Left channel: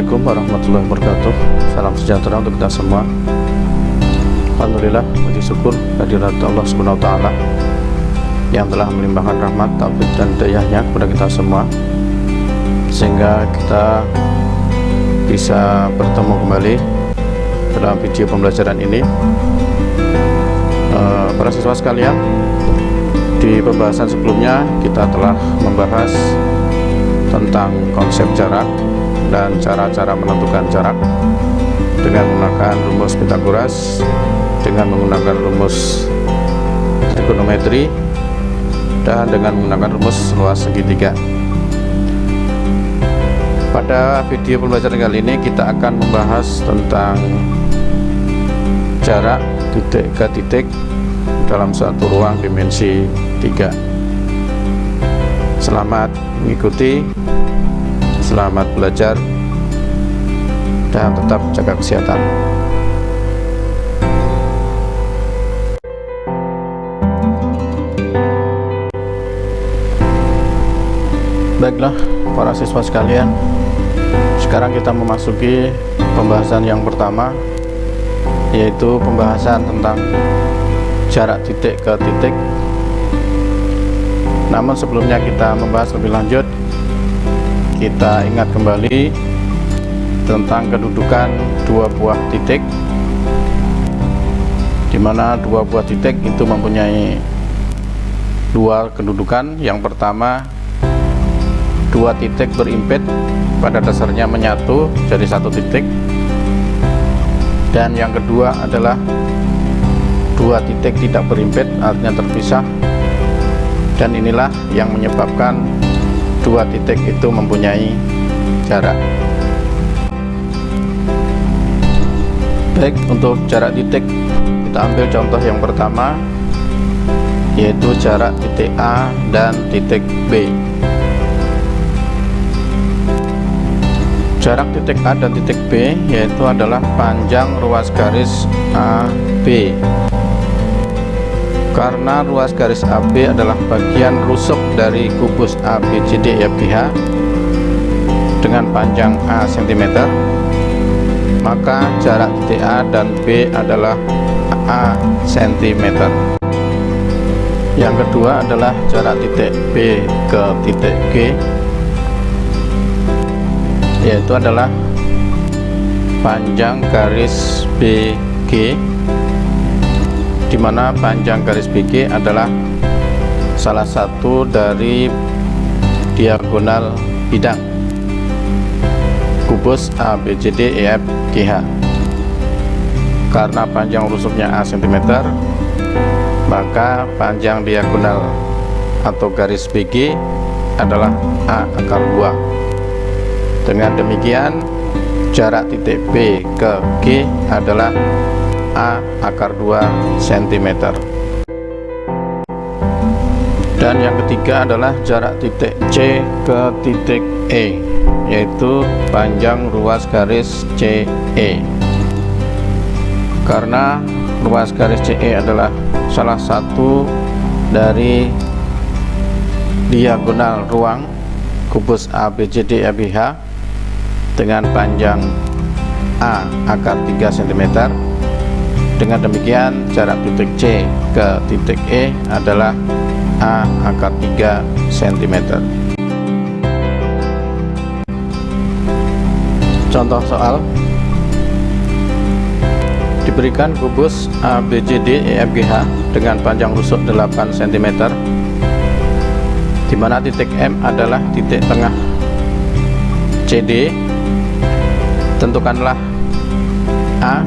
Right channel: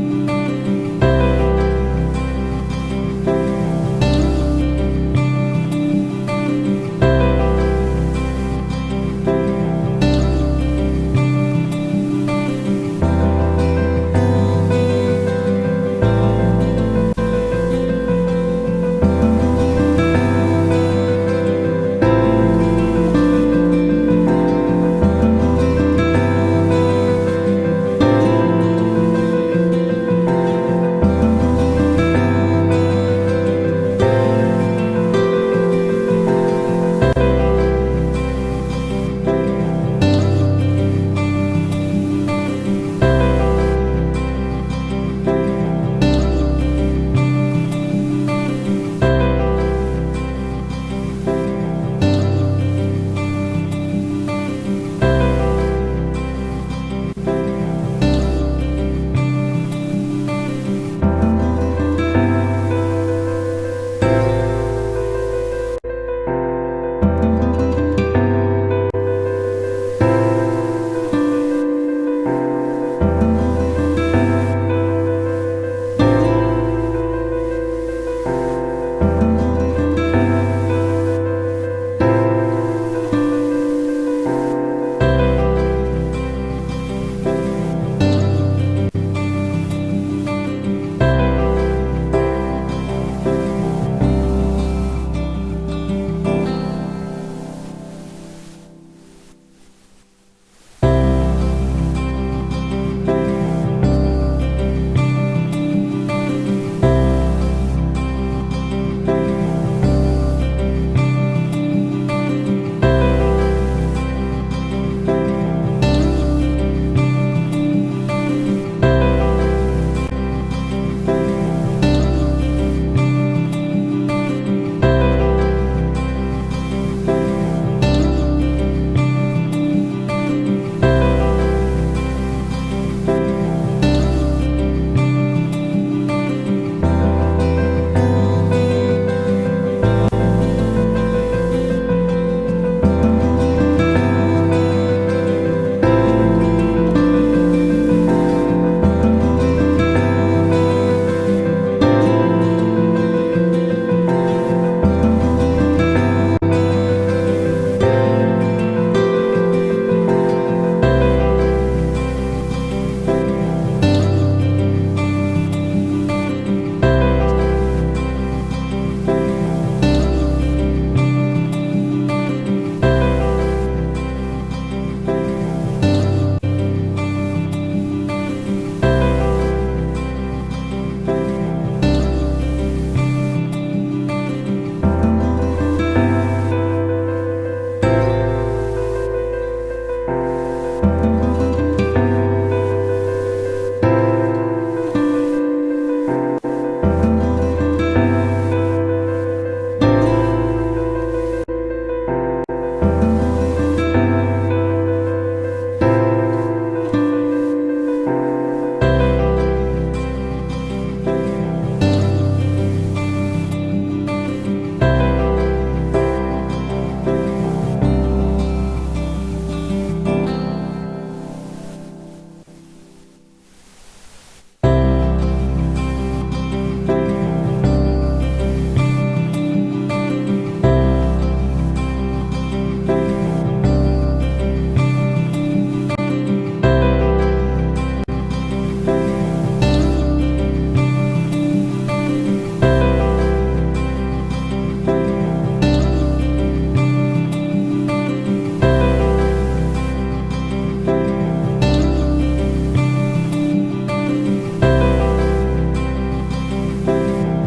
Assalamualaikum warahmatullahi wabarakatuh. Salam sejahtera untuk kita semua. Alhamdulillah, puji syukur kehadirat Allah Subhanahu wa taala yang telah melimpahkan rahmat, taufik dan hidayahnya kepada kita semua, sehingga kita bisa bertemu kembali dalam video pembelajaran ini. Para siswa sekalian, di pembahasan sebelumnya kita telah membahas tentang konsep jarak dan cara-cara menentukan jarak dengan menggunakan rumus Pythagoras, dengan menggunakan rumus trigonometri, dan dengan menggunakan rumus luas segitiga. Pada video pembelajaran kali ini kita akan membahas tentang jarak titik ke titik dalam satu ruang dimensi 3. Selamat mengikuti, selamat belajar, dan tetap jaga kesehatan. Baiklah para siswa sekalian, sekarang kita memasuki pembahasan yang pertama, yaitu pembahasan tentang jarak titik ke titik. Namun sebelumnya kita membahas lebih lanjut, kita ingat kembali tentang kedudukan dua buah titik, di mana dua buah titik itu mempunyai dua kedudukan. Yang pertama, dua titik berimpit pada dasarnya menyatu jadi satu titik, dan yang kedua adalah dua titik tidak berimpit, artinya terpisah, dan inilah yang menyebabkan dua titik itu mempunyai jarak. Baik, untuk jarak titik kita ambil contoh yang pertama, yaitu jarak titik A dan titik B. Jarak titik A dan titik B yaitu adalah panjang ruas garis AB. Karena ruas garis AB adalah bagian rusuk dari kubus ABCDEFGH dengan panjang A cm, maka jarak titik A dan B adalah A cm. Yang kedua adalah jarak titik B ke titik G, yaitu adalah panjang garis BG, di mana panjang garis BG adalah salah satu dari diagonal bidang kubus ABCDEFGH. Karena panjang rusuknya A cm, maka panjang diagonal atau garis BG adalah A akar 2. Dengan demikian, jarak titik B ke G adalah A akar 2 cm. Dan yang ketiga adalah jarak titik C ke titik E, yaitu panjang ruas garis CE. Karena ruas garis CE adalah salah satu dari diagonal ruang kubus ABCDEFGH dengan panjang A akar 3 cm. Dengan demikian, jarak titik C ke titik E adalah A akar 3 cm. Contoh soal: diberikan kubus ABCDEFGH dengan panjang rusuk 8 cm, di mana titik M adalah titik tengah CD. Tentukanlah A,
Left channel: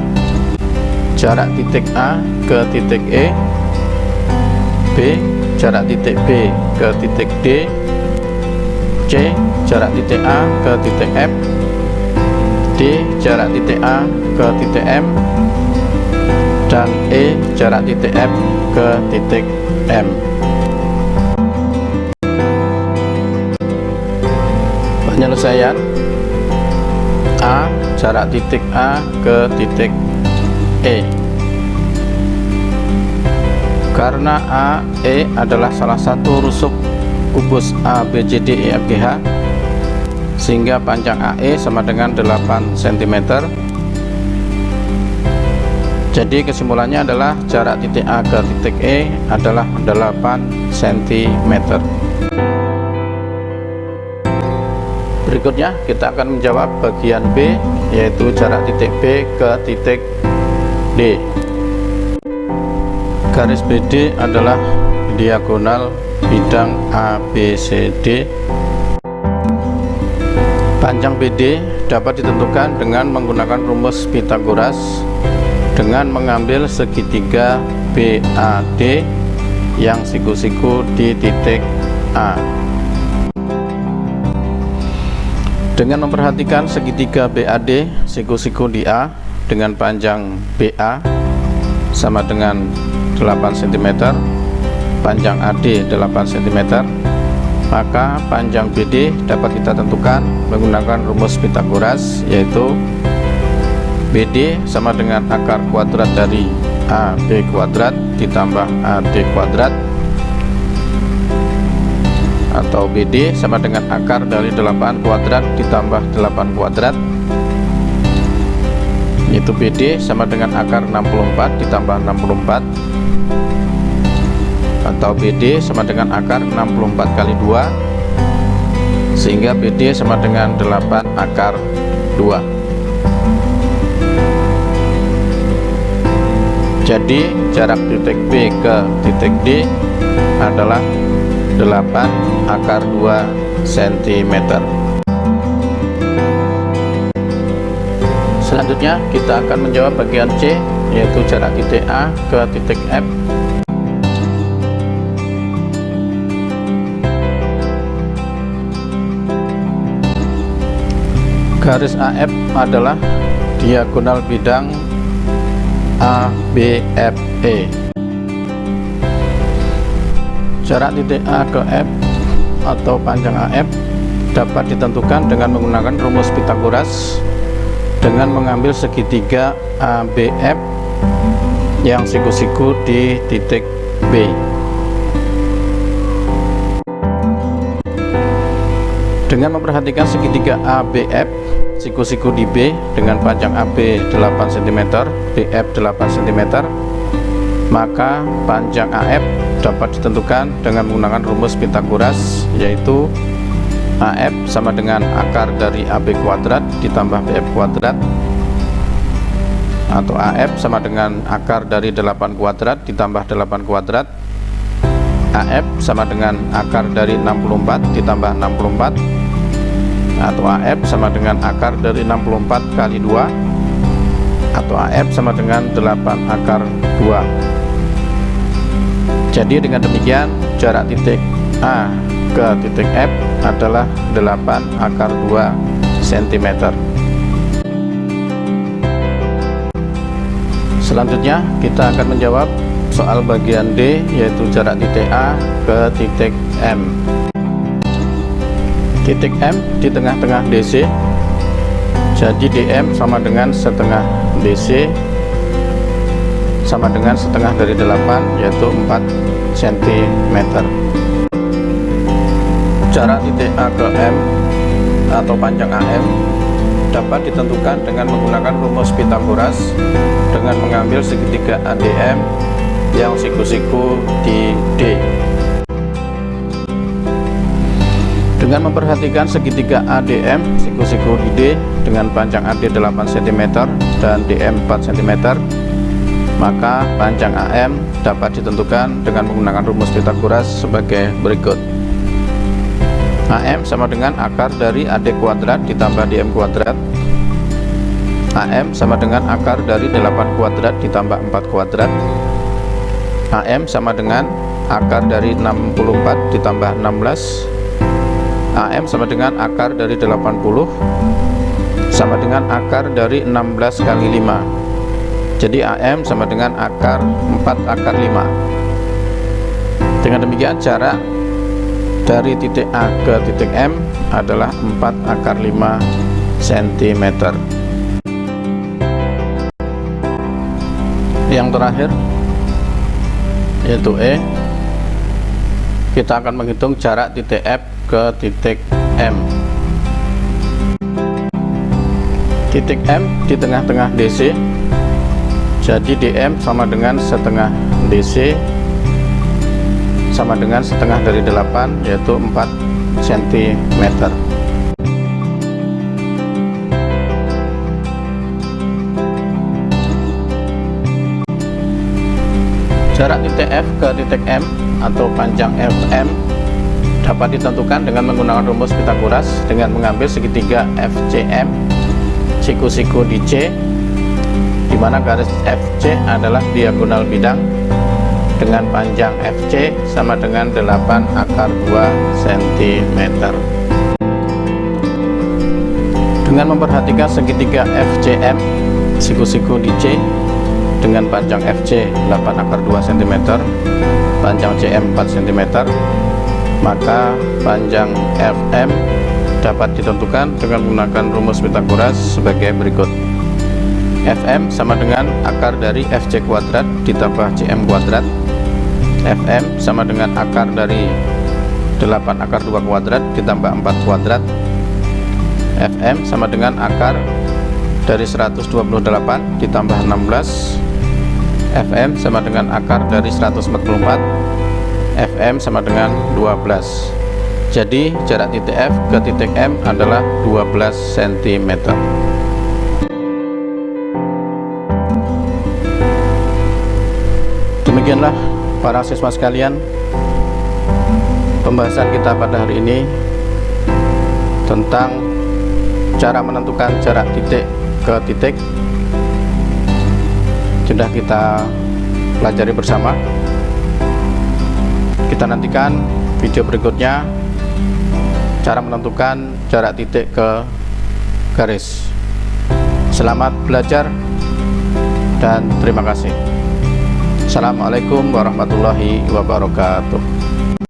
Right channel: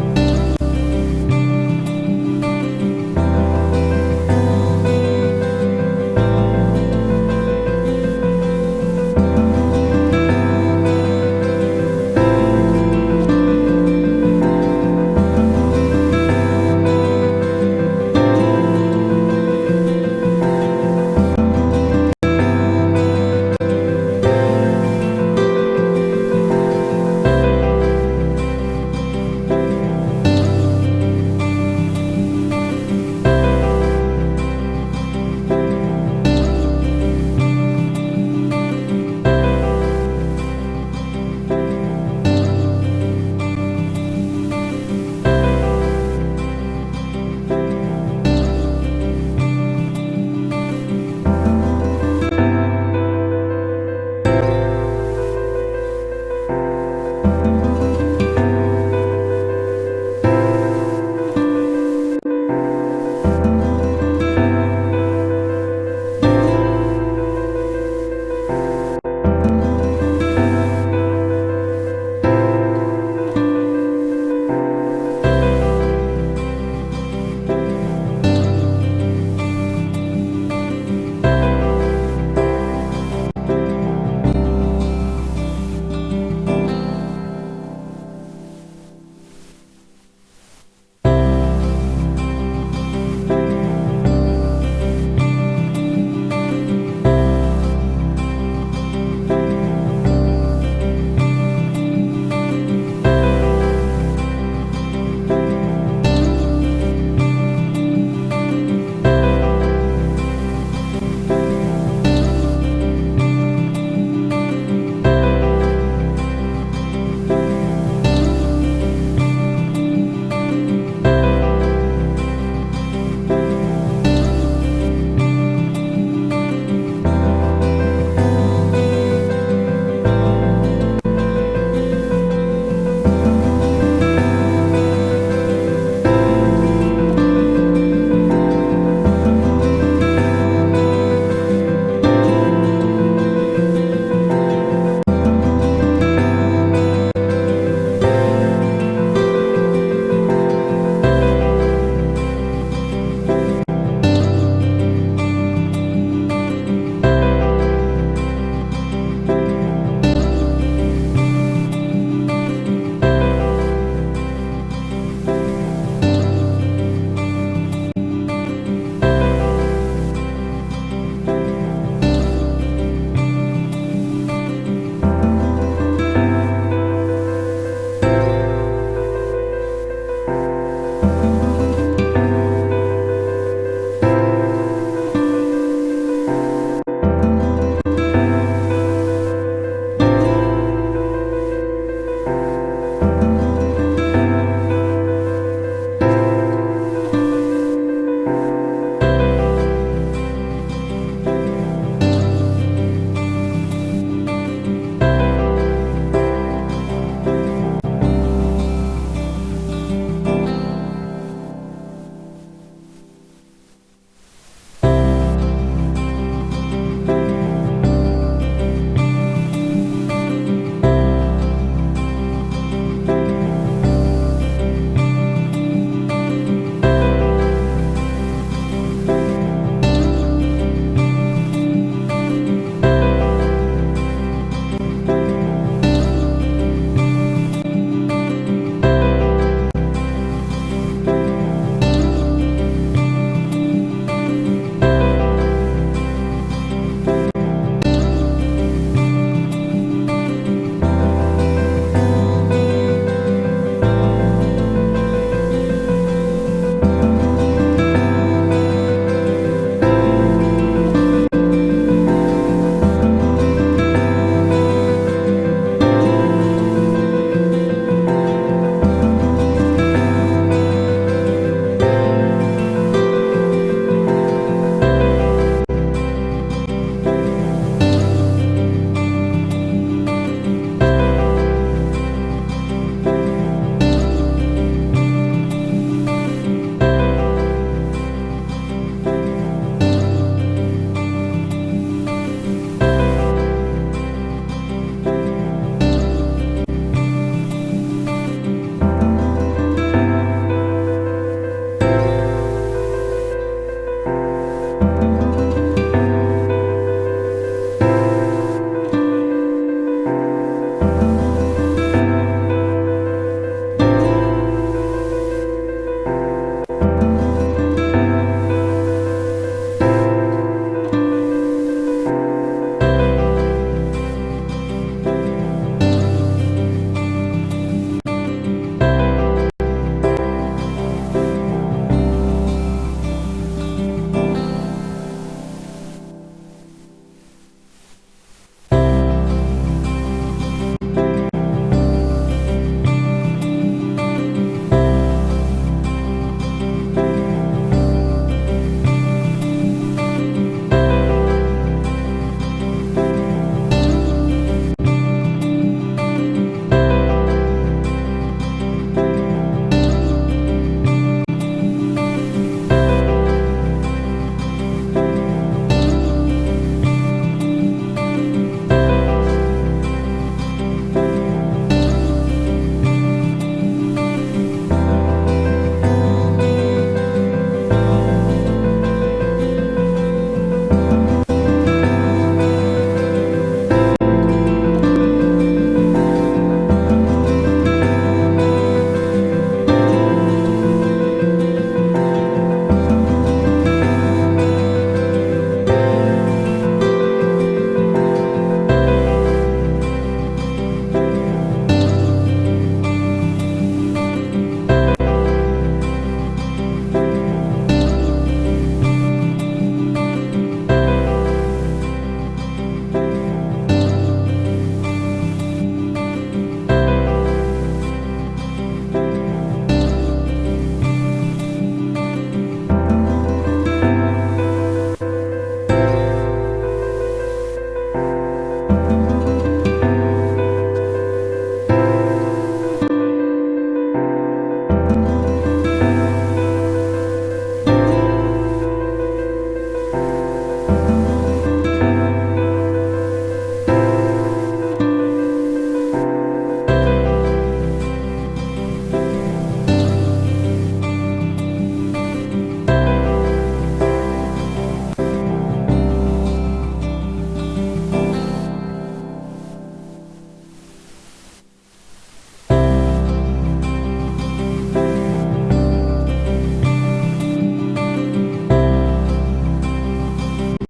jarak titik A ke titik E; B, jarak titik B ke titik D; C, jarak titik A ke titik F; D, jarak titik A ke titik M; dan E, jarak titik F ke titik M. Penyelesaian: A, jarak titik A ke titik E. Karena AE adalah salah satu rusuk kubus ABCDEFGH, sehingga panjang AE sama dengan 8 cm. Jadi kesimpulannya adalah jarak titik A ke titik E adalah 8 cm. Berikutnya kita akan menjawab bagian B, yaitu jarak titik B ke titik D. Garis BD adalah diagonal bidang ABCD. Panjang BD dapat ditentukan dengan menggunakan rumus Pythagoras dengan mengambil segitiga BAD yang siku-siku di titik A. Dengan memperhatikan segitiga BAD siku-siku di A dengan panjang BA sama dengan 8 cm, panjang AD 8 cm, maka panjang BD dapat kita tentukan menggunakan rumus Pythagoras, yaitu BD sama dengan akar kuadrat dari AB kuadrat ditambah AD kuadrat, atau BD sama dengan akar dari 8 kuadrat ditambah 8 kuadrat, yaitu BD sama dengan akar 64 ditambah 64, atau BD sama dengan akar 64 kali 2, sehingga BD sama dengan 8 akar 2. Jadi jarak titik B ke titik D adalah 8 akar 2 cm. Selanjutnya kita akan menjawab bagian C, yaitu jarak titik A ke titik F. Garis AF adalah diagonal bidang ABFE. Jarak titik A ke F atau panjang AF dapat ditentukan dengan menggunakan rumus Pythagoras dengan mengambil segitiga ABF yang siku-siku di titik B. Dengan memperhatikan segitiga ABF siku-siku di B dengan panjang AB 8 cm, BF 8 cm, maka panjang AF dapat ditentukan dengan menggunakan rumus Pythagoras, yaitu AF sama dengan akar dari AB kuadrat ditambah BF kuadrat, atau AF sama dengan akar dari 8 kuadrat ditambah 8 kuadrat, AF sama dengan akar dari 64 ditambah 64, atau AF sama dengan akar dari 64 kali 2, atau AF sama dengan 8 akar 2. Jadi dengan demikian jarak titik A ke titik F adalah 8 akar 2 cm. Selanjutnya kita akan menjawab soal bagian D, yaitu jarak titik A ke titik M. Titik M di tengah-tengah DC, jadi DM sama dengan setengah DC sama dengan setengah dari 8, yaitu 4 cm. Jarak titik A ke M atau panjang AM dapat ditentukan dengan menggunakan rumus Pythagoras dengan mengambil segitiga ADM yang siku-siku di D. Dengan memperhatikan segitiga ADM siku-siku di D dengan panjang AD 8 cm dan DM 4 cm, maka panjang AM dapat ditentukan dengan menggunakan rumus Pythagoras sebagai berikut. AM sama dengan akar dari AD kuadrat ditambah DM kuadrat. AM sama dengan akar dari 8 kuadrat ditambah 4 kuadrat. AM sama dengan akar dari 64 ditambah 16. AM sama dengan akar dari 80 sama dengan akar dari 16 kali 5. Jadi AM sama dengan akar 4 akar 5. Dengan demikian jarak dari titik A ke titik M adalah 4 akar 5 cm. Yang terakhir yaitu E. Kita akan menghitung jarak titik F ke titik M. titik M di tengah-tengah DC, jadi DM sama dengan setengah DC sama dengan setengah dari 8, yaitu 4 cm. Jarak titik F ke titik M atau panjang FM dapat ditentukan dengan menggunakan rumus Pythagoras dengan mengambil segitiga FCM siku-siku di C, di mana garis FC adalah diagonal bidang dengan panjang FC sama dengan 8 akar 2 cm. Dengan memperhatikan segitiga FCM siku-siku di C dengan panjang FC 8 akar 2 cm, panjang CM 4 cm, maka panjang FM dapat ditentukan dengan menggunakan rumus Pythagoras sebagai berikut. FM sama dengan akar dari FC kuadrat ditambah CM kuadrat. FM sama dengan akar dari 8 akar 2 kuadrat ditambah 4 kuadrat. FM sama dengan akar dari 128 ditambah 16. FM sama dengan akar dari 144. FM sama dengan 12. Jadi jarak titik F ke titik M adalah 12 cm. Demikianlah para siswa sekalian, pembahasan kita pada hari ini tentang cara menentukan jarak titik ke titik sudah kita pelajari bersama. Kita nantikan video berikutnya, cara menentukan jarak titik ke garis. Selamat belajar dan terima kasih. Assalamualaikum warahmatullahi wabarakatuh.